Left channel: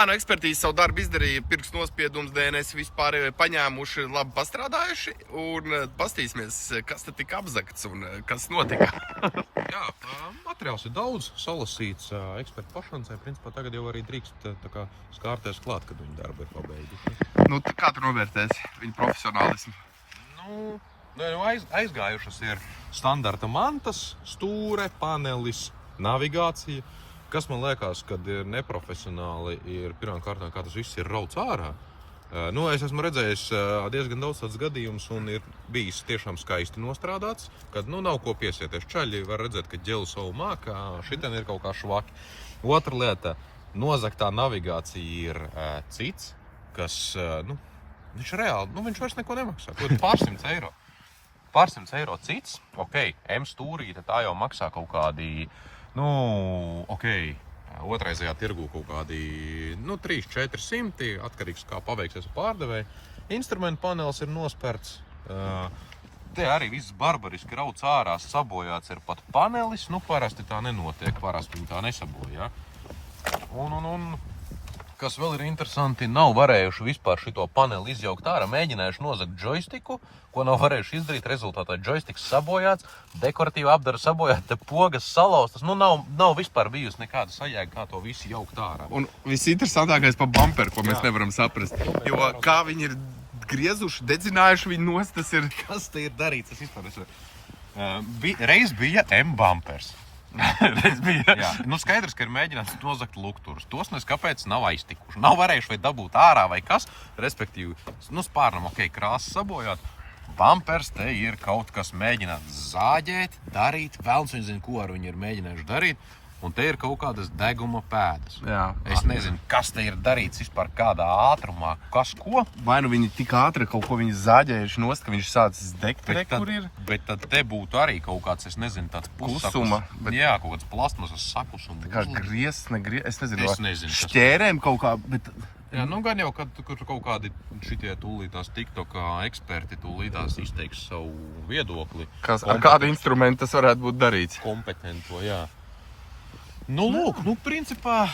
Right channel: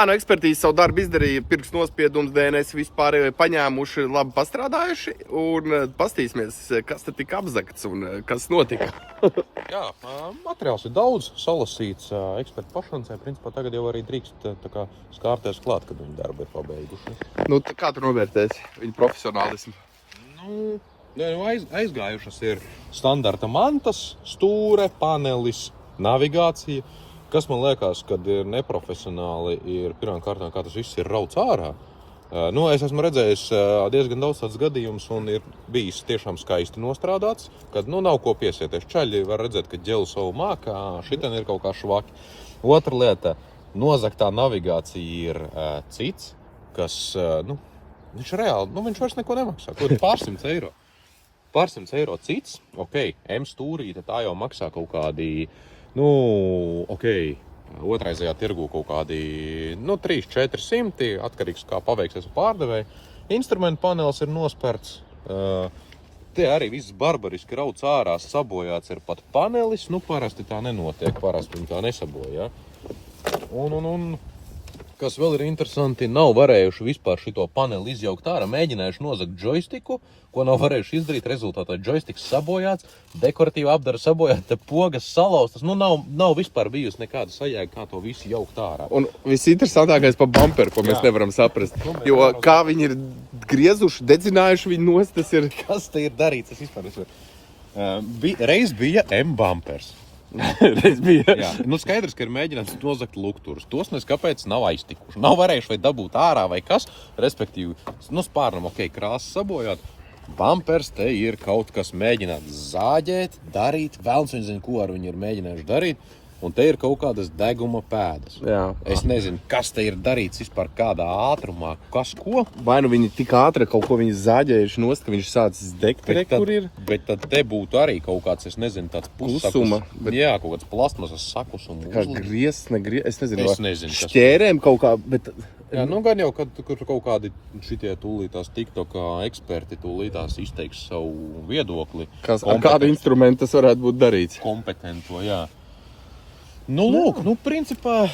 kā no ekspertīzes savu darbu izdarīja, pirkstu nospiedums, DNS vispār paņēmuši, labi pastrādājuši, un pastīsimies, kas tad tika apzagts un kas notika. Jā, materiāls ir daudz salasīts ekspertu pašancē. Principā tagad jau arī drīkst tā kā skārties klāt, kad viņi darbu ir pabeiguši. Nu, kā tu novērtēsi viņu profesionālismu? Aizgājušas ir standarta mantas, stūre, panelis, navigācija. Kas man liekas, kad ir neprofesionāli, ir pirmām kārtām, kā tas viss ir rauts ārā. Es esmu redzējis diezgan daudz tāds gadījums un ir bijis tiešām skaisti nostrādāts, kad nav ko piesieties. Čaļi var redzēt, ka ģelu savu mākā, šitien ir kaut kā švaki. Otra lieta, nozagtā navigācija ir cits, kas, viņš reāli, viņš vairs neko nemaksā. Kur ir pārsimts eiro. Pārsimts eiro cits, M stūrīte, tā jau maksā kaut kādi, otraizajā tirgū kaut kādi, 300–400, atkarīgs kā paveiksies ar pārdevēju. Instrumentu panelis ir nosperts, te arī viss barbariski rauts ārā, sabojāts ir pat panelis, parasti tā nenotiek, parasti viņi tā nesabojā. Un kas vēl ir interesanti, nav varējuši vispār šito paneli izjaukt ārā, mēģinājuši nozagt džojstiku, ko nav varējuši izdarīt, rezultātā džojstiks sabojāts, dekoratīva apdara sabojāta, pogas salauztas, nav vispār bijusi nekāda sajēga, kā to visu jaukt ārā. Un visinteresantākais pa bumperu, ko mēs nevaram saprast, jo kā viņi ir griezuši, dedzinājuši viņu nost, tas ir... Kas te ir darīts, tas vispār ir. Reiz bija M-bumpers. Reiz bija. Jā, skaidrs, ka ir mēģināts nozagt lukturus. Tos kāpēc nav aiztikuši. Nav varējuši vai dabūt ārā vai kas, respektīvi, spārnam, krāsa sabojāt. Bumpers te ir kaut kas mēģināts zāģēt, darīt, velns viņi zina, ko ar viņu ir mēģinājuši darīt, un te ir kaut kādas deguma pēdas. Jā. Es nezinu, kas te ir darīts vispār kādā ātrumā, kas ko. Vai viņi tik ātri kaut ko viņi zāģējuši nost, ka viņš sācis degt, kur ir? Bet tad te būtu arī kaut kāds, es nezinu, tāds Kusuma. Jā, kaut kāds plastmasas sakusuma. Kā griezt, es nezinu. Es nezinu, kas. Šķērēm kaut kā, bet... Jā, gan jau, kad kaut kādi šitie tūlītās TikTok eksperti tūlītās izteiks savu viedokli. Ar kādu instrumentu tas varētu būt darīts? Kompetento, jā. Principā,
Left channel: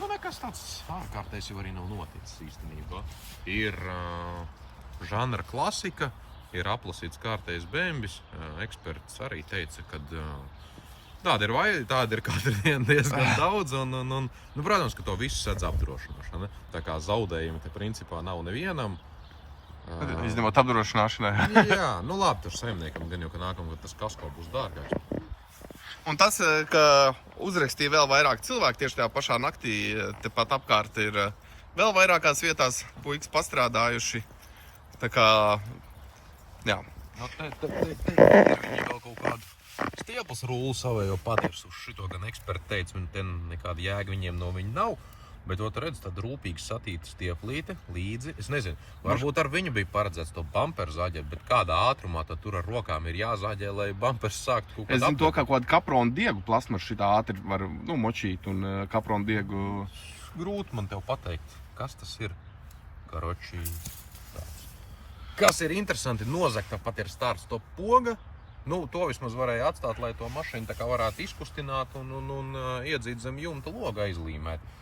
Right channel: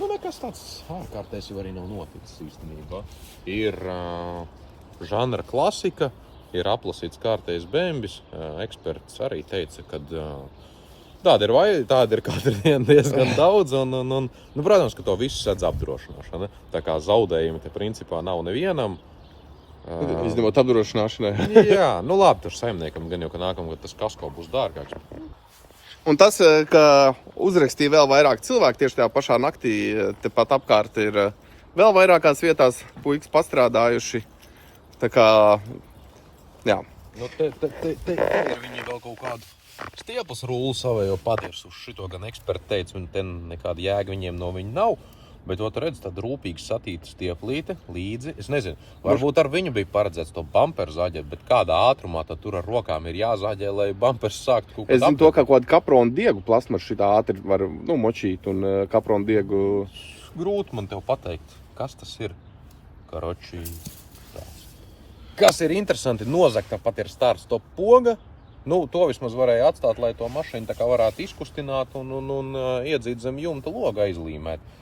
nekas tāds ārkārtējs jau arī nav noticis īstenībā. Ir žanra klasika, ir aplasīts kārtējs bembis. Eksperts arī teica, ka tāda ir katru dienu diezgan daudz, un protams, ka to visu sedz apdrošināšana. Tā kā zaudējumi te principā nav nevienam. Izņemot apdrošināšanai. Jā, labi, tur saimniekam gan jau, ka nākamgad tas kasko būs dārgāks. Un tas, ka uzrakstīja vēl vairāk cilvēku tieši tajā pašā naktī, tepat apkārt ir vēl vairākās vietās puikas pastrādājuši. Tā kā, jā. Te ir viņi vēl kaut kādu stieples rullu savējo patirs uz šito, gan eksperti teica, un te nekāda jēga viņiem no viņa nav. Bet tu redz, tāda rūpīgi satīta stieplīte līdzi. Es nezinu, varbūt ar viņu bija paredzēts to bumperu zāģēt, bet kādā ātrumā tad tur ar rokām ir jāzāģē, lai bumpers sāktu kaut Es zinu to, ka kaut kādu kapronu diegu plasmasu šitā ātri var močīt un kapronu diegu... Grūti man tev pateikt, kas tas ir. Karoči. Kas ir interesanti, nozagta pat ir startstop poga. To vismaz varēja atstāt, lai to mašīnu tā kā varētu izkustināt un iedzīt zem jumta logu aizlīmēt.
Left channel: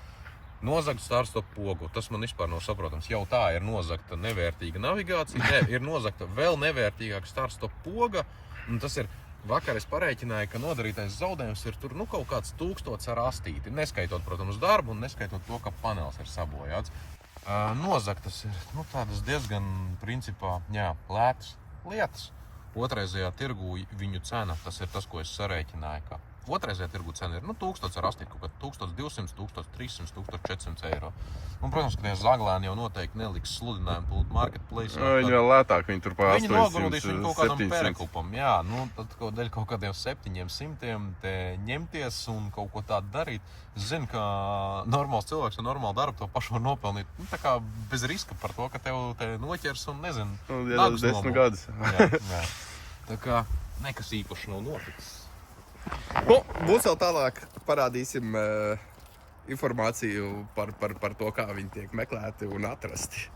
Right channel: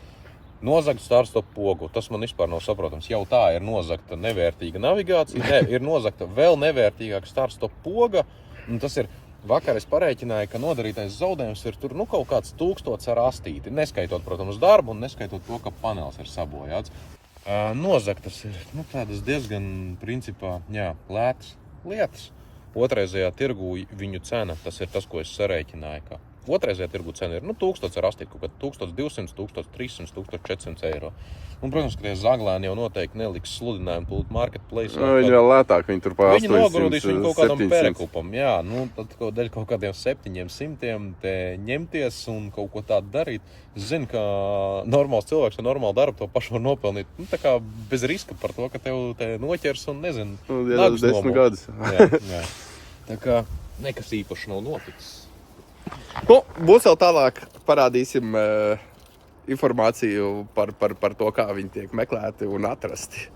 Nozagta startstop pogu, tas man vispār nav saprotams. Jau tā ir nozagta nevērtīga navigācija, ir nozagta vēl nevērtīgāka startstop poga. Un tas ir, vakar es parēķināju, ka nodarītais zaudējums ir tur kaut kāds 1000 ar astīti. Neskaitot, protams, darbu un neskaitot to, ka panelis ir sabojāts. Nozagtas ir tādas diezgan, principā, lētas lietas. Otraizajā tirgū viņu cena, tas ir tas, ko es sarēķināju, ka otraizajā tirgu cena ir 1000 ar astīti, kaut kā 1200, 1300, 1400 eiro. Un, protams, ka tie zaglēni jau noteikti neliks sludinājumu tūt marketplace. Viņi vēl lētāk, viņi tur pa 800, viņi nogrūdīs viņu kaut kādam 700. perekupam. Jā, tad dēļ kaut kādiem 700 te ņemties un kaut ko tādu darīt. Es zinu, ka normāls cilvēks ar normālu darbu to pašu var nopelnīt. Tā kā bez riska par to, ka tev te noķers un nezinu, nagus nomūs. Jā. Tā kā nekas īpaši nav noticis. Būs vēl tālāk, parādīsim informāciju par to, kā viņi tiek meklēti un atrasti.